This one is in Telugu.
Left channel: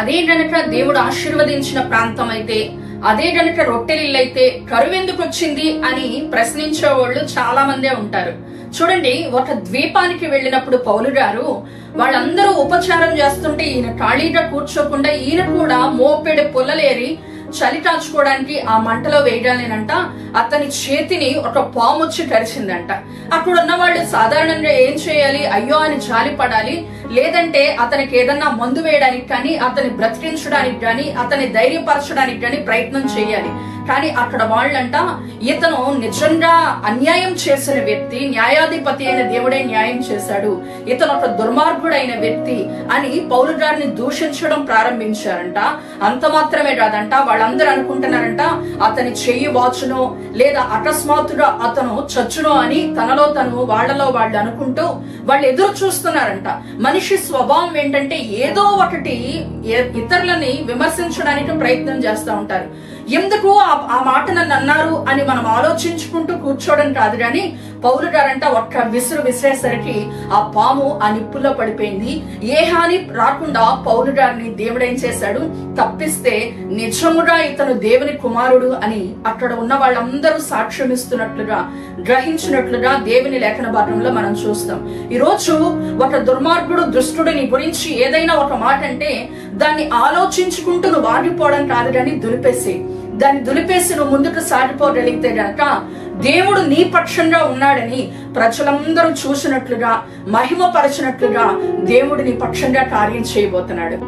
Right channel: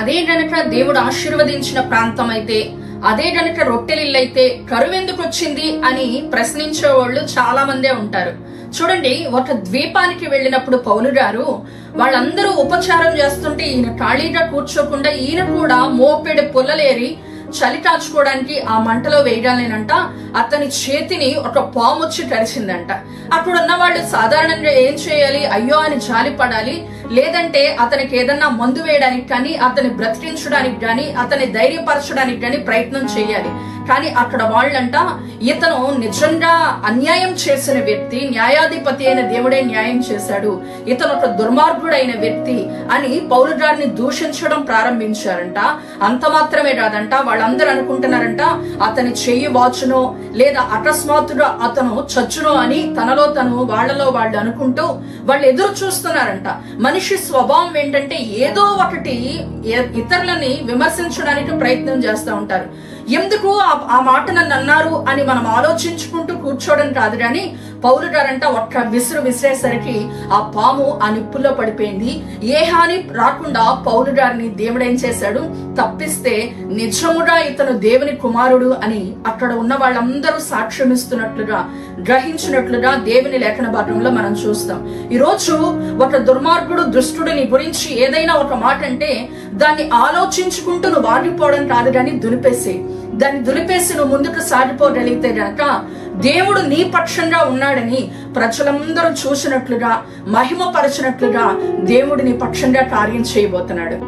అదే గనక దేవుడు ఆశీర్వదించిన ప్రాంతం అయితే, అదే గనక రొట్టెలిల్లైతే కరువెందుకు వచ్చింది అని ప్రశ్నించే వాళ్ళు చాలా మందే ఉంటారు. చూడండి, ఒక ద్వీపానికి వెళ్ళినప్పుడు పౌలు గారు వాళ్ళందరూ ఉపచారం చేస్తుంటే ఈయన ఖాళీగా కూర్చోకుండా ఈయన కూడా మోపెడు పుల్లలేరి చలి కాచుకోవడానికి ఆ మంటలో వేయగానేనంట అతని చేతిని ఒక పాము వచ్చి కరిచిందంట. అక్కడ ఉన్న వాళ్ళు సాధారణంగా ఏం చేయాలి, అయ్యో అని జాలి పడాలి, లేదంటే అతనికి ఏదన్నా మందు వేయడానికి కానీ, అతని బ్రతికించడానికి కానీ, అతని ధైర్యపరచడానికి కానీ ప్రయత్నం చేయాలి. కానీ అక్కడ వాళ్ళంట ఇతను నిజంగా అన్యాయం చేసిన వ్యక్తి, న్యాయాధిపతి అయిన దేవుడే న్యాయం చేశాడు, ఇతను ఒక దుర్మార్గుడైన వ్యక్తి అని పౌలు గారిని దూషించడం ప్రారంభించారంట. అంత మాత్రమే కాదంట, వాళ్ళందరూ అనుకుంటున్నారంట అతని చెయ్యి వాచునో లేదా అకస్మాత్తుగా అతను చచ్చునో అని తనలో తను వాళ్లలో వాళ్ళు అనుకుంటూ వాళ్ళు ఎదురు చూస్తున్నారంట. మనిషి స్వభావం ఏంటంటే ఏదో ఒకటి ఇతరులని విమర్శించడానికి ప్రయత్నం చేస్తూ ఉంటారు. ఎందుకు ఆ మాట నన్ను అన్నారు అని మనం ఆలోచించుకుంటూ కూర్చోవడం కాదు. కానీ పౌలు గారంట ఒక్క విసురు విసిరేసరికి ఆ పాము ఆ నిప్పుల్లో పడిపోయింది. ఏ హాని రాకుండా పౌలు గారిని దేవుడు ఏం చేశాడు, తప్పిస్తే నిజముగా ఇతను దేవుని కుమారుడు అని అక్కడ ఉన్న వాళ్ళందరూ సాక్ష్యం ఇస్తున్నట్లుగా, గ్రహించినట్లుగా దేవుని లేఖన భాగంలో మనం చూస్తాం. ఈ రోజు ఒక దుర్మార్గుడు దుష్టుడిని గురించి ఏదైనా ఒక మాట అంటే దాన్ని ఆలోచించుకుంటూ నువ్వు ఆగిపోవడం కాదు, కానీ దాన్ని దులిపేసి నువ్వు ముందుకు సాగిపోగలిగితే గనక దేవుడు నీ పక్షంగా ఉన్నాడని ప్రజలందరూ చూసినట్లుగా, మహిమపరచినట్లుగా దేవుడు నీ పక్షంగా కార్యం చేయబోతున్నాడు.